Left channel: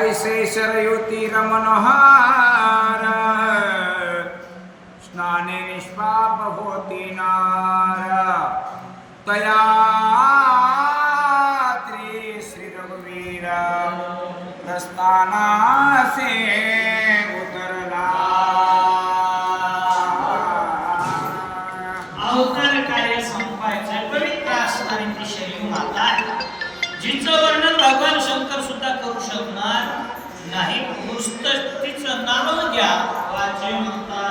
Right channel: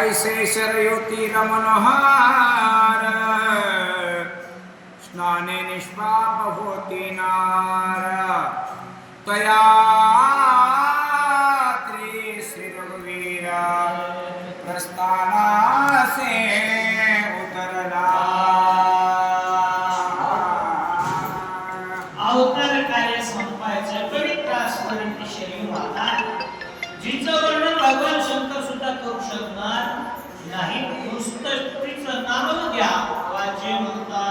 तैसे शरयुती स्नाने निष्पाप होती नार तया शकणार नाही. नुसतं तिचं नाव घ्या वाचे म्हणता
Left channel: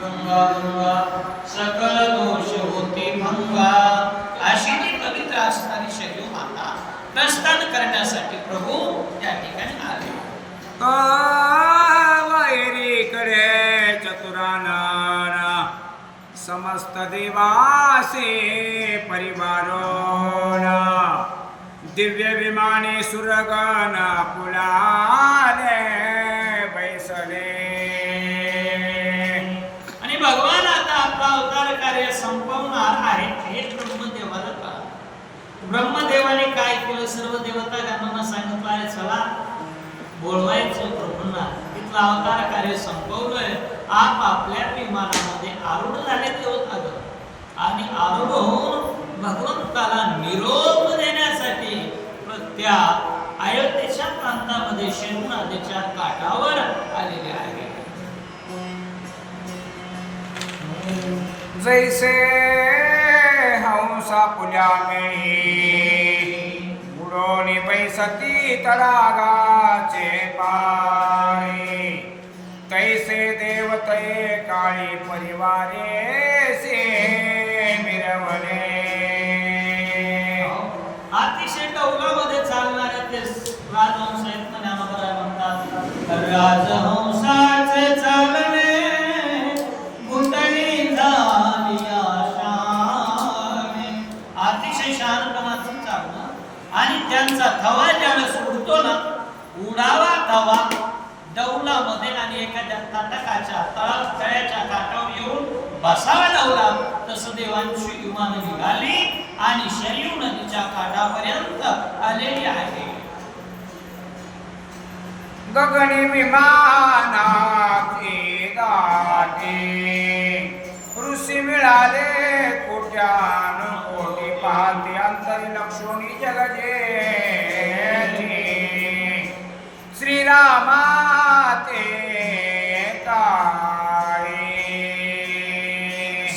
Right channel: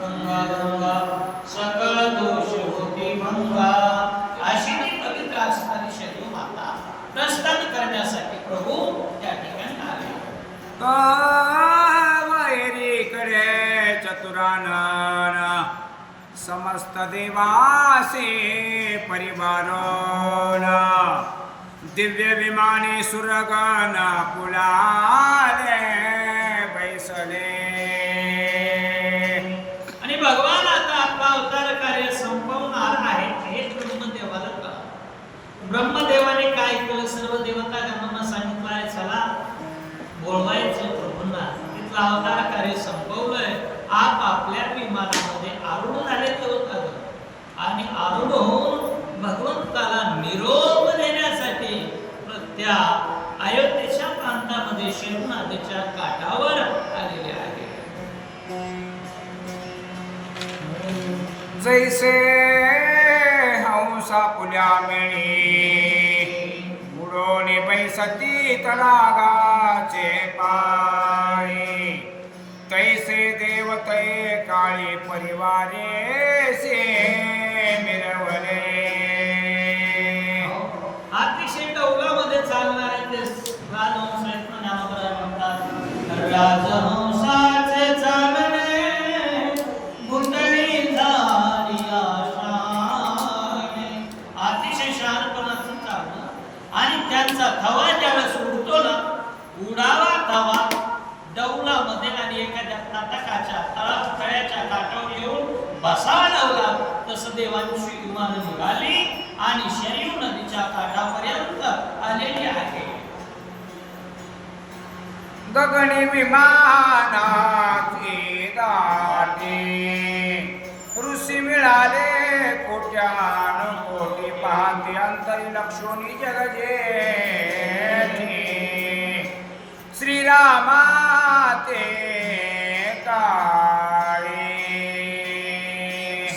गंगा गंगा सकल दोष होते भंगा. अशी ती पवित्र असणारी शरीर माता प्रस्थान करण्यासाठी प्रभू त्या ठिकाणी आले. वैरीकडे चतुरानन समस्त देवासे परिवारोन. दिव्य विमाने सुरगण कुलाले बैसले. आणि भगवान आता आपला अवतार कार्य संपवणार आहे. हे ब्रह्मदेवाला का? ब्रह्मदेवाने काय केलं? सर्व देवता गणांना सांगितलं आहे चला बोलवायचं प्रभूंना तिथलं अवतार कार्य संपवलंय. आप आपल्या विमानामध्ये आरूढ झाले देवता आणि आरूढ होऊन नदीच्या काठावर आलेले आहे. जैसे हंसा पुल्या मिळी बुडोनी बैसती तरागाचे पाणी तैसे देवते काळी परिवारे से मिरवले। म्हणतात राजहंसाचे चालणे गुंतली झाली आशाने. अतिशय शहाणपणाचं चालणं आणि त्यांचा थवा ज्यावेळेस उडतो ना उडावा थवा दौलामध्ये आणि एखाद्या ताटकाच्या तळा तळ्याच्या काठावर येऊन बसावा लावला तसं देवांची विमान निघाली आणि शरीर नदीच्या काठापर्यंत आले आहे गगनी विमानाची दाटी. ऋषी मिळाले कोट्यान कोटी पाहते अंतरी लक्षोनी जगजे श्रीरामा ते काळे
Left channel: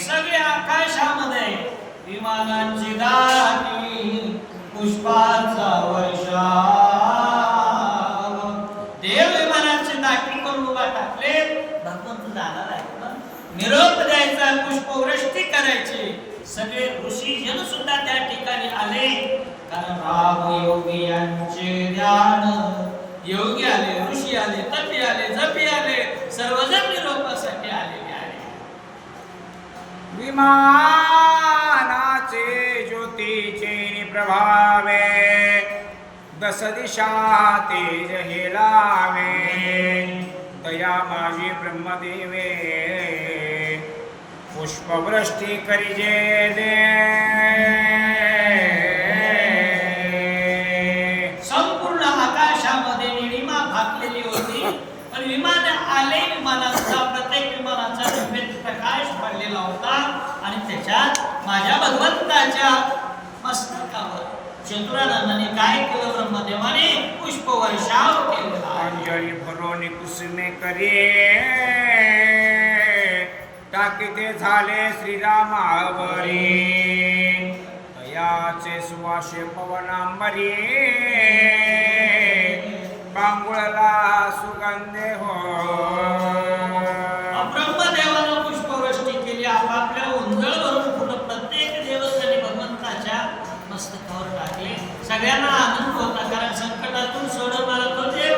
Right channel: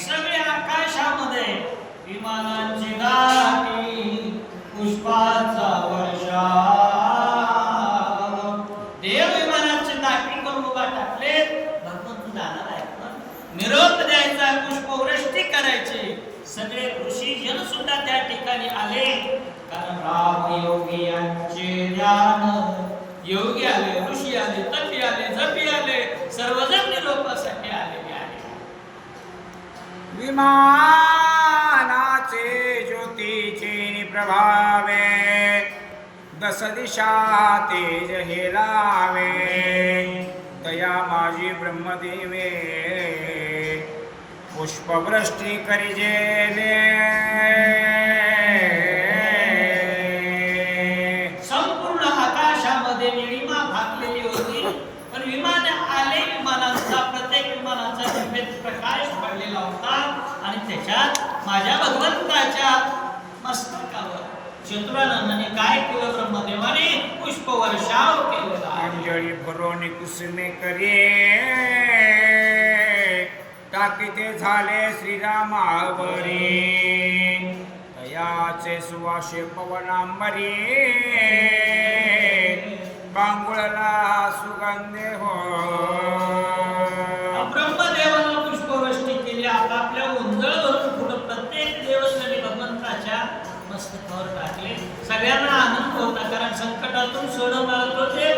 सगळ्या आकाशामध्ये विमानांची दाटी पुष्पांचा वर्षा निरोप द्यायचा पुष्पवृष्टी करायची. सगळे ऋषी जन सुद्धा त्या ठिकाणी आले. कारण राम योगी यांचे ध्यान योगी आले, ऋषी आले, तपी आले, जपी आले, सर्वजण निरोपासाठी आलेले आहे विमानाचे ज्योतीचे प्रभावे दस दिशा तेज हेलावे. तया माझी ब्रह्मदेवे पुष्पवृष्टी करिजे संपूर्ण आकाशामध्ये निळिमा भागलेली होती पण विमान आले विमानाचा प्रत्येक विमानाचा दिव्य प्रकाश पडलेला होता आणि त्याच्यात माझ्या भगवंताच्या मस्तकावर चतुरानंदाने काय केलं ब्रह्मदेवाने? पुष्प वर्षाव केलेला. अंजळी भरोनी कुसुमे करे किती झाले श्रीरामावरी. याचे सुवासे पवनांबरी. बांगुळला सुगंधे हो ब्रह्मदेवानं पुष्पवृष्टी केली आपापल्या उंजळ भरून फुलं प्रत्येक देवस्थानी भगवंताच्या मस्तकावर टाकले. सगळ्यांना आनंद होता कारण संकटातून सोडवणारा तो देव.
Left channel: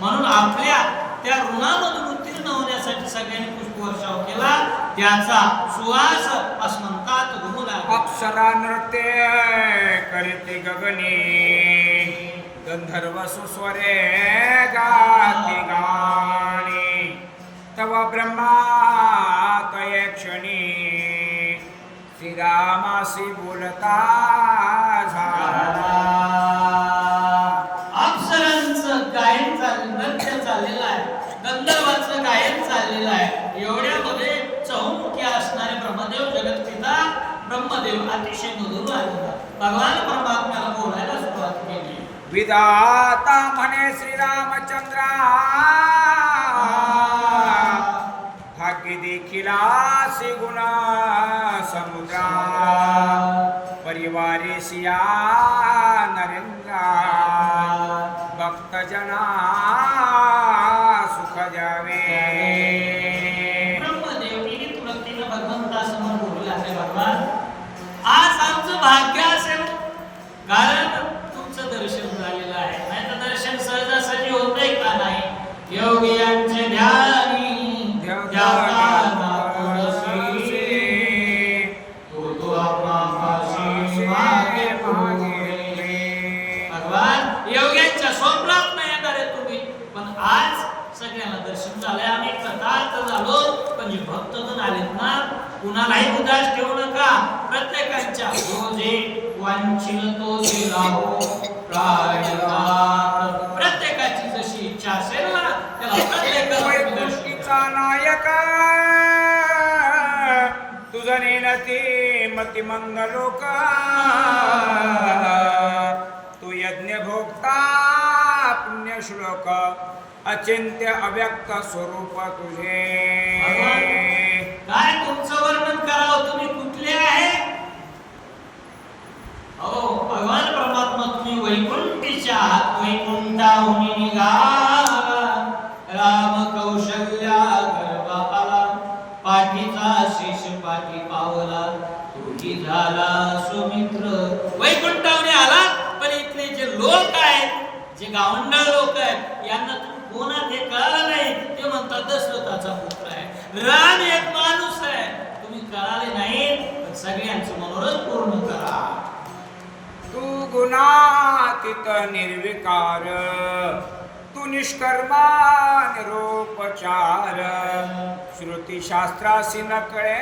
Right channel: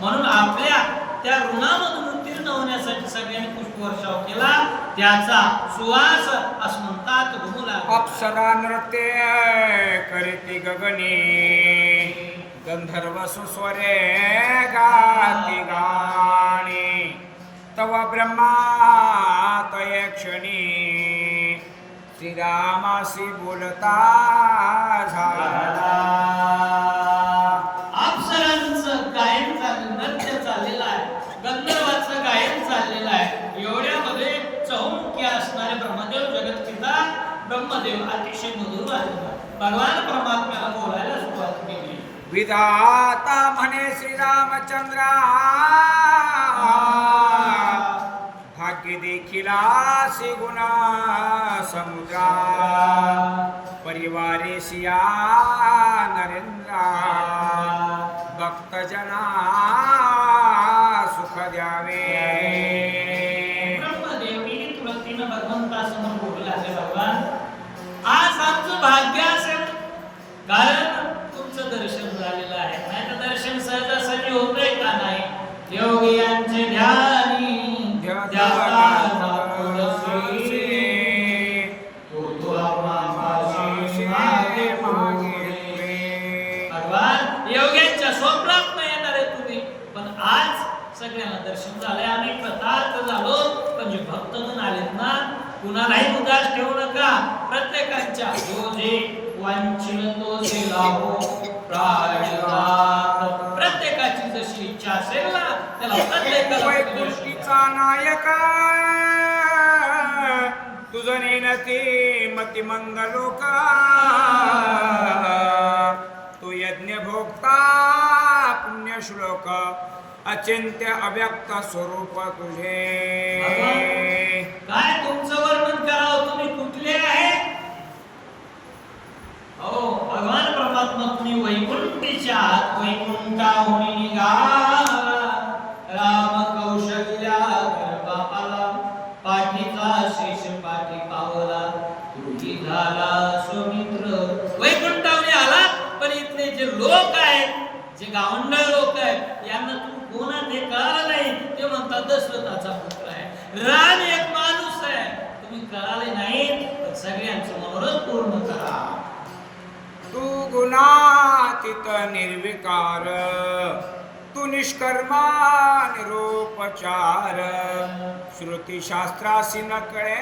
म्हणून आपल्या त्या ऋणामधून उत्तीर्ण होण्यासाठी सगळ्यांनी पुष्पवर्षाव केला. त्याचा सुवास असं म्हणतात घुमू लागला अप्सरा नृत्य करीती गगनी गंधर्व सुस्वरे गाती गाणी. तव ब्रह्मा तये क्षणी श्रीरामासी बोलता झाला. अप्सरांचं गायन नृत्य चाललेलं आहे. गंधर्वाचं गायन चाललेलं आहे. एवढ्यामध्ये असणारे ब्रह्मदेव जगतपिता ब्रह्मदेव, अतिशय मधुर भगवान परमात्म्याला बोलायला सुरुवात केली. विधाता म्हणे श्रीरामचंद्रा. भाग्य देखील गुणा समुद्रा. परिवारे सिया नरेंद्रा. भक्तजना सुख द्यावे. कुणालाही उदास ठेवू नका. प्रत्येकाच्या वांछिल तो प्रायणात. प्रत्येकाची जशी इच्छा असेल ना त्याला द्या. वैकुंठीचा नायक. तुझं नेनते मतिमंद लोक तू यज्ञ भोक्ता पुण्य श्लोक अचिंत्य अव्यक्त स्वरूप तुझे. काय तुमचं वर्णन करावं? तुम्ही कुठले आहे? अहो भगवान परमात्मा तुम्ही वैकुंठीच्या आहात. वैकुंठाहून निघाला राम कौशल्या बापाला. पाठीचा शेष पाठी पावला. तुझी झाला सुमित्र. वैकुंठाहून आला पण इथले जे लोक आहेत जे गावंडळ लोक आहेत यांना तुम्ही कोण आहे ते कळालं नाही? ते म्हणतात दशरथाचा पुत्र आहे. राम एक कळाले नाही पण सगळ्यांचे मनोरथ पूर्ण करा. तू गुणातीत निर्विकार तू निष्कर्मा निरोपचार. श्रुतीशास्त्रासी नकळे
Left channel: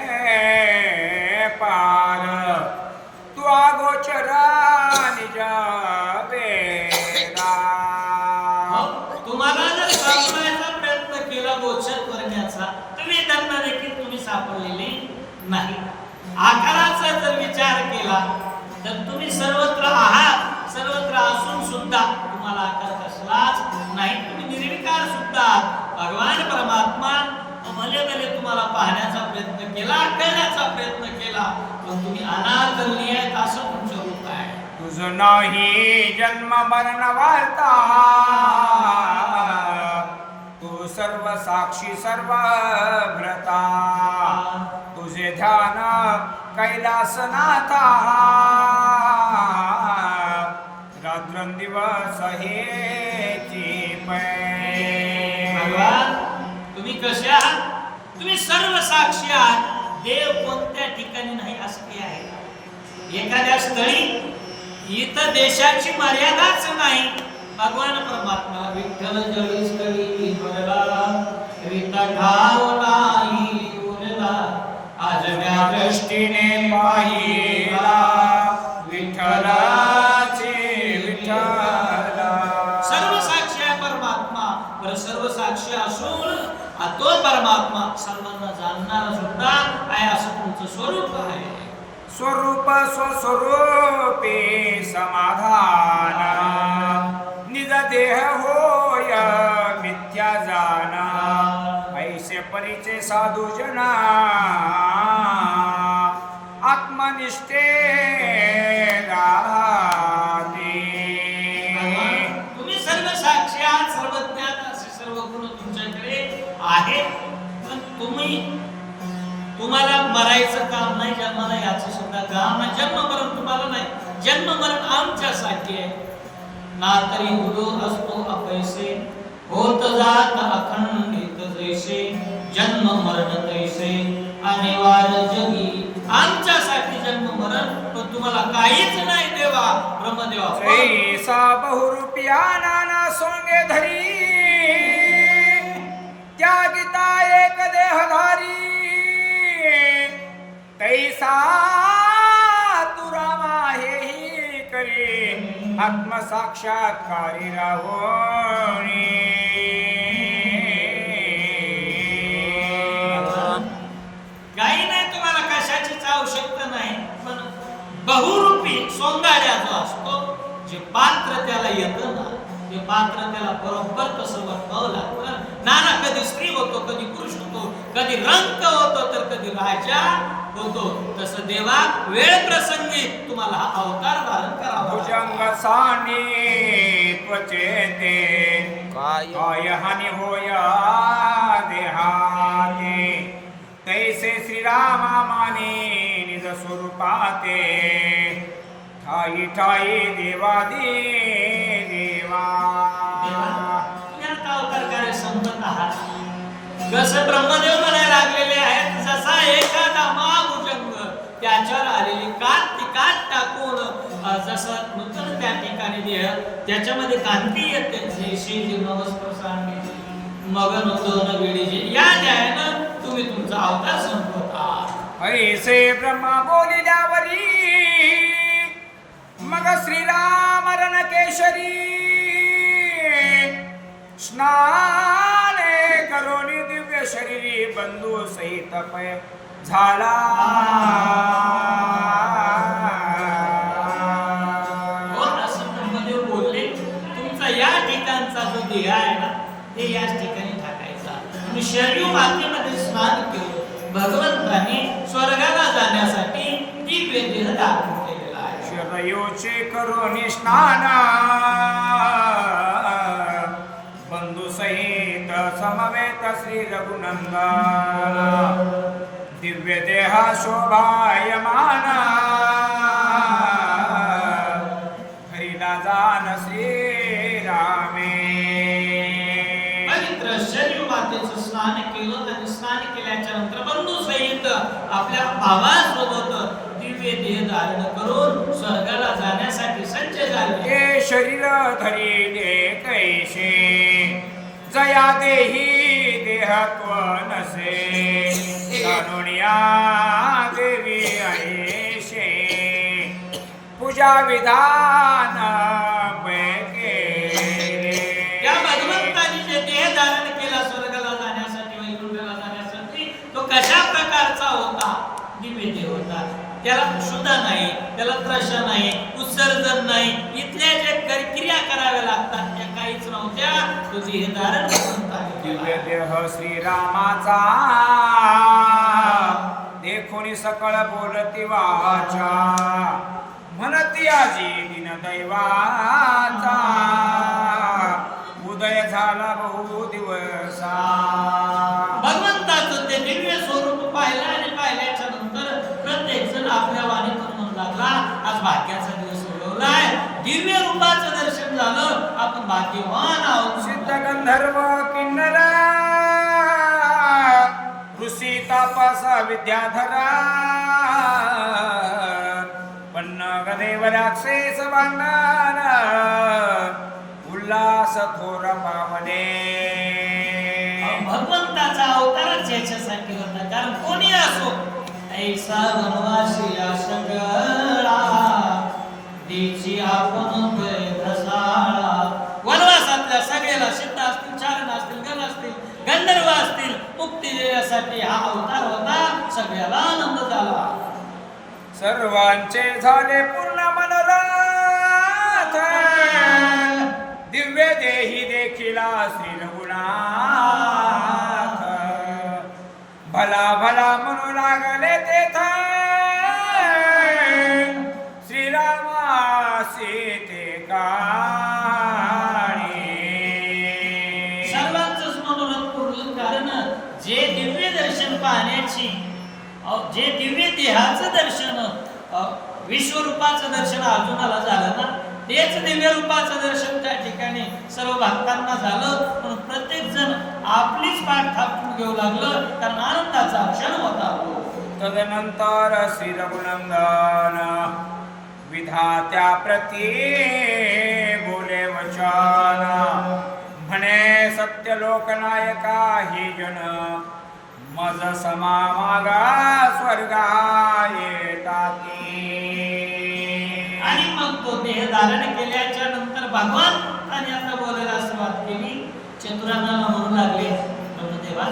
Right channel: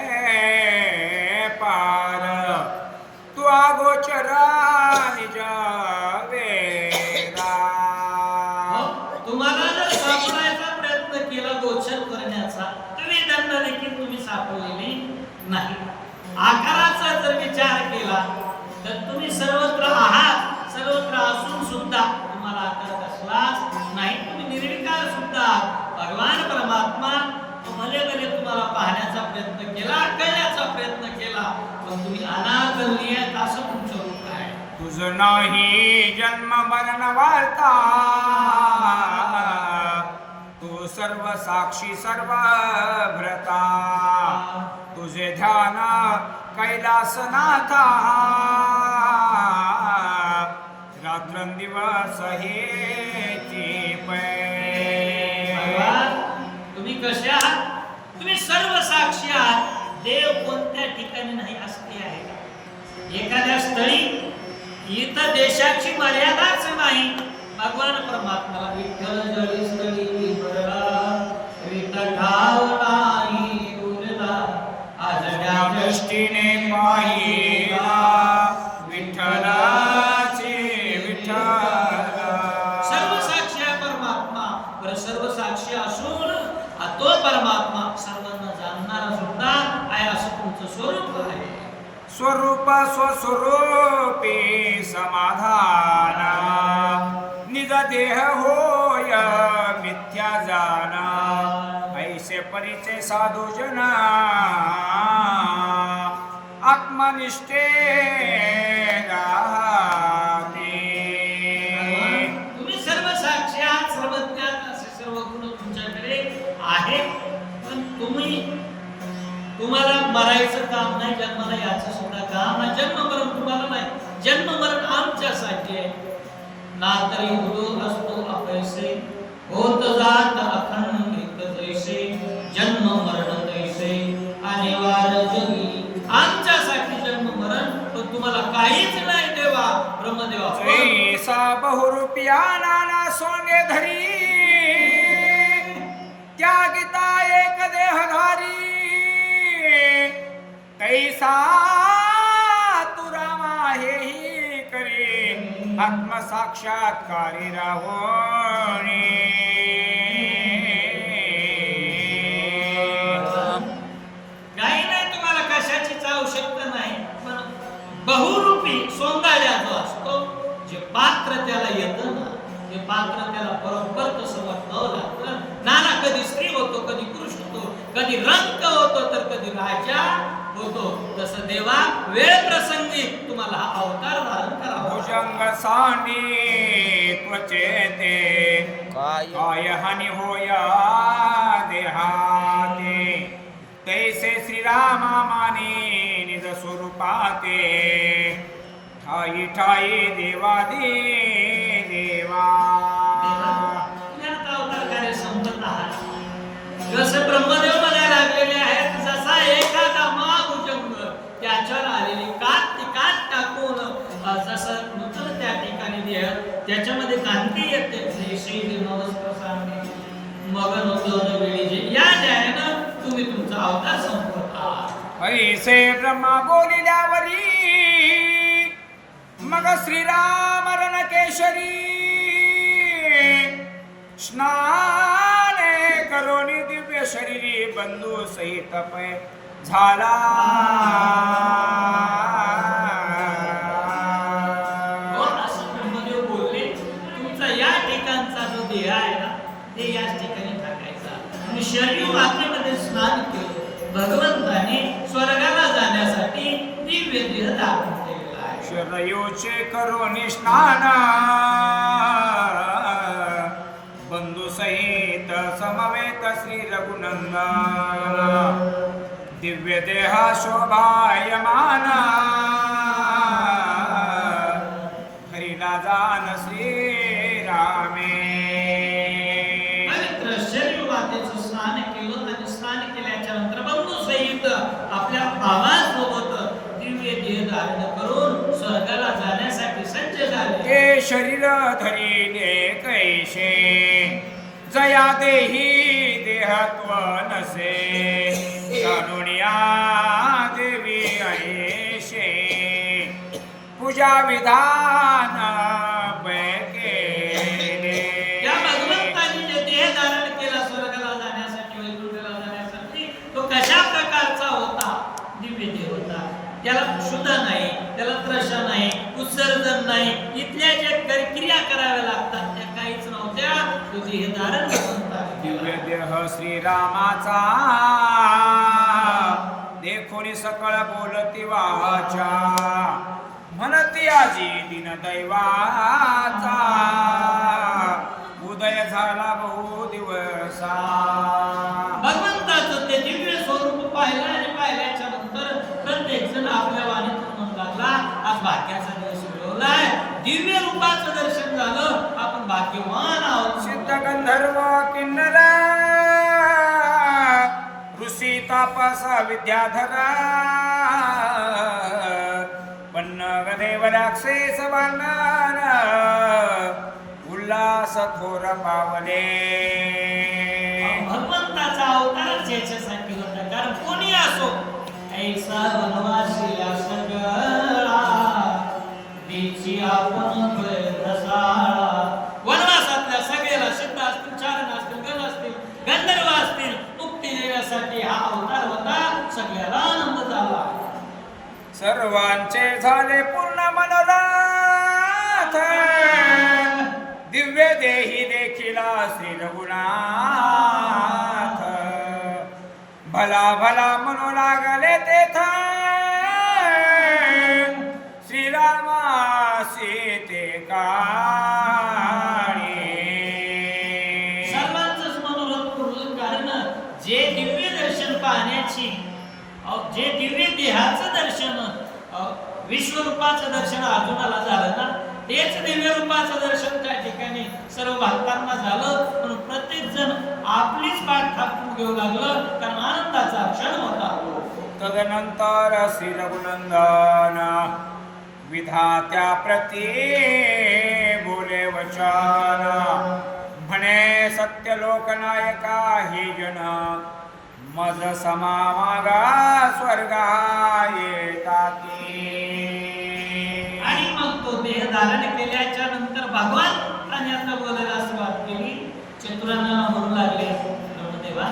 पार. तू अगोचर निज वेदा तुम्हाला जर सापडायचा प्रयत्न केला गोचर करण्याचा तुम्ही त्यांना देखील तुम्ही सापडलेले नाही. आकाराचा जर विचार केला तर तुम्ही सर्वत्र आहात सर्वत्र असून सुद्धा तुम्हाला आकार कसलाच नाही. तुम्ही निर्विकार सुद्धा भगवान परमात्मा भले भले तुम्हाला पाहण्याचा प्रयत्न केला करण्याचा प्रयत्न केला पण तुम्ही अनादरणीय असं तुमचं रूप आहे. तुझं नाही जन्म मरण वार्ता तू सर्व साक्षी सर्व भ्रता तुझे ध्यान कैलासनाथा. रात्रंदिवस हे तुम्ही कसे आहात? तुम्ही सर्व साक्षी आहात. देव कोणत्या ठिकाणी नाही असते आहे. एखाद्या स्थळी इथं देशाची मर्यादाच नाही. भगवान परमात्मा विठ्ठल जळी स्थळी भरला दृष्टीने पाहिला विठ्ठलाचे विठ्ठला. सर्व साक्षी आहे परमात्मा. बरं सर्व साक्षी असून तो परमात्मा सर्वांना जाणणारा सुद्धा आहे असं तुमचं स्वरूप आहे. स्वरूप स्वस्वरूपे समाधान. निज देह होय मिथ्या जाना. ऐसे परिचय साधू जना आत्मनिष्ठे राहते. तुम्ही सर्व साक्षी आहात सर्वज्ञात असे सर्व गुण तुमच्याकडे आहेत. पण तुम्ही तुम्हाला मरायचं काम नाही जन्माला याचं सुद्धा काम नाही. जन्म मरण तुम्हाला नाही. जन्म मरण आमच्यासाठी आहे. ना तरी उदो असतो अपैसे होत जात अखंडित जैसे. जन्म मरण तैसे. अनिवार्य जगी. आम तुम्हाला काहीच नाही देवा ब्रह्मदेवा. ऐसा बहुरूपिया नाना सोने धरी. त्यागिता एक देहधारी कैसा तू रामा हेही करे. आत्मसाक्षात्कारी राहोणी. काही नाही तुम्हाला कशाचीच आवश्यकता बहुरूपी जो असतो जे पात्र त्याला येतं ना जे पात्र त्याला बरोबर तसं बघावं लागतं नाना कधी स्त्री होतो कधी पुरुष होतो कधी रंग होतो तर कधी राजा होतो. तसं देवा वेळ प्रसंगी तुम्हाला हा अवतार धारण करावा लागतो. भुजंग सांडी त्वचेते काय? काय हानी होया देहाते. तैसे श्रीरामा माने निज स्वरूपाते। ठाई ठाई देवा दे देवा। संपत आहात. जसं ब्रह्मदेव म्हणायला लागलेले आहेत जसा एखादा महाभुजंग त्याच्यावर आलेली कात ती कात टाकून जसं नूतन त्या ठिकाणी देह त्याच्यामध्ये कांती येते. जैशी जीर्णवस्त्र सांगे मगन होतो वेळी या न्यायानं तुम्ही तुमचा अवतार संपवत आहात. ऐसे ब्रह्मा बोलिल्यावरी मग श्रीराम रणकेशरी स्नाने करोनी दिव्य शरीरी बंधू सहित पै झाला. बोलले तुमचा या ठिकाणचा जो देह आहे ना ते याच ठिकाणी टाकायचा. आणि शरीर मातेमध्ये स्नान केलं. भगवंताने स्वर्गाला जाण्यासाठी दिव्य देह दाखवून केलेला आहे शरयोचे करोनी स्नान बंधू सहित समवेत श्री रघुनंदन. दिव्य देह शोभायमान हरिला जान श्रीरामे पवित्र शरीर मातेचं स्नान केलं आणि स्नान केल्याच्यानंतर बंधू सहित आपल्या भावासोबत दिव्य देह धारण करून स्वर्गाला जाण्यासाठी सज्ज झाले. शरीर धरिले कैसे? जया देही देहत्व नसे. जाणुनिया देवी ऐशे पूजा विधान त्याला सुद्धा नाही त्याला त्रशा नाही उत्सर्जन नाही. इथल्या जे कर- क्रिया कराव्या लागतात त्या काहीच नव्हत्या. तो देह धारण दिव्य. देह श्रीरामाचा. देखोनी सकळ बोलती वाचा म्हणती आजी दिन दैवाचा. उदय झाला बहु दिवसा भगवंताचं ते दिव्य स्वरूप पाहिलं आणि पाहिल्याच्या नंतर प्रत्येक जण आपल्या वाणीतून म्हणू लागला आज भाग्याचा दिवस उगवलाय दिव्य रूपाचं दर्शन झालं आपण भाग्यवान आहोत. सिद्ध गंधर्व किन्नर ऋषी तापस विद्याधरा पन्नग देव राक्षस बांधन उल्हास थोर पावले भगवंताचा अवतारच याच्यासाठी होता. कारण कोणी असो ऐसा वनवासी सगळा देशी आपण वनवासातल्या सगळ्याला सिद्ध असतील चारण असतील गण असतील गंधर्व असतील मुक्ती देण्यासाठी हा अवतार होता. सगळ्याला आनंद झाला. सर्वांचे झाले पूर्ण मनोरथ. दिव्य देही देखील श्री रघुनाथ भला भला म्हणू लागले तेथा विश्वरूपाचं दर्शन अर्जुनाला झालं ना तेच दिव्य रूपाचं दर्शन त्या ठिकाणी सर्व भक्तांना झालं. पण प्रत्येक जण आपलीच पाठ थापून घेऊ लागलं कारण आनंदाचा क्षण होता. तदनंतर श्री रघुनंदन विधात्या प्रती बोले वचन. म्हणे सत्य लोकनायका ही जन मज समा मागा स्वर्गा येताती आणि मग तो देह धारण केल्याच्या तर भगवान आता बोलायला सुरुवात केली. चतुरांना म्हणू लागले ब्रह्मदेवा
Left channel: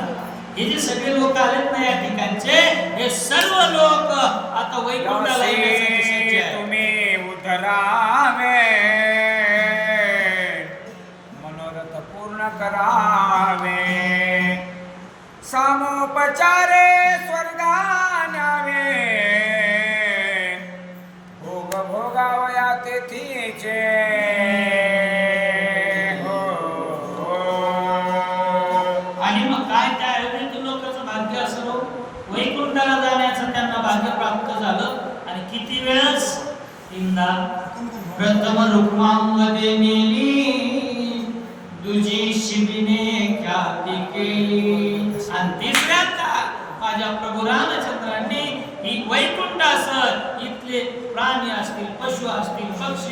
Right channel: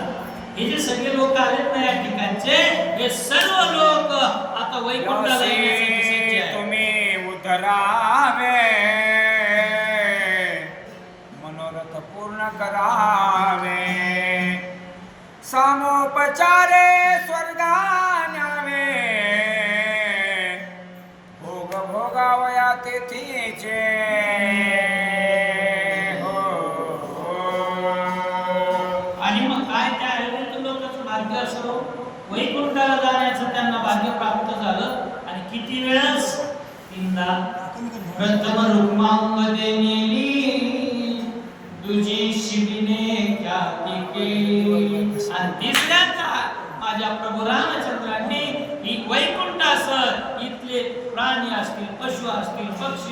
हे जे सगळे लोक आलेत ना या ठिकाणचे हे सर्व लोक आता वैकुंठाला. तुम्ही उतरावे. मनोरथ पूर्ण करावे. सामोपचारे स्वर्गान्यावे भोग भोगावया तेथीचे. हो, हो. आणि मग काय त्या अयोग्य लोकांचं भाग्य असलो वैकुंठाला जाण्याचं त्यांना भाग्य प्राप्त झालं आणि किती वेळच तीनदा प्रथम रुक्मांमध्ये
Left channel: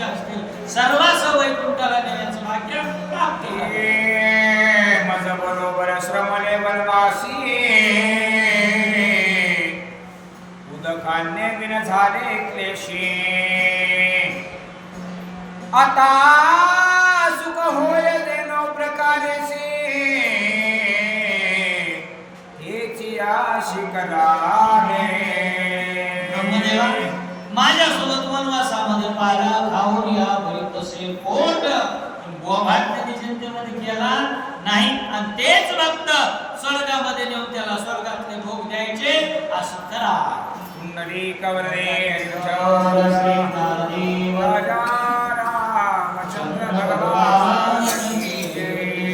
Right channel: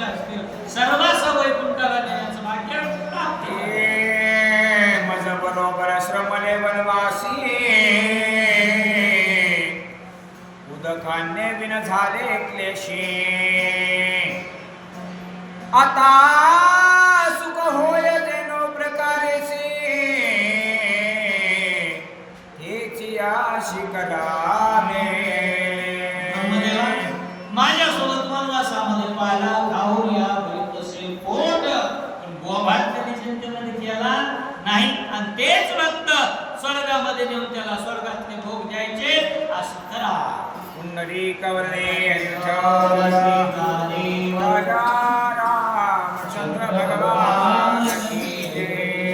असतील. पक्षी असतील सर्वांस वैकुंठाला नेण्याचं भाग्य प्राप्त झालं. बरोबर श्रमणे वनवासी. उदकान्य बिन झाले क्लेशी. आता सुख होय देनो प्रकारेसी. हेची आशी करा पुंडरी कवरे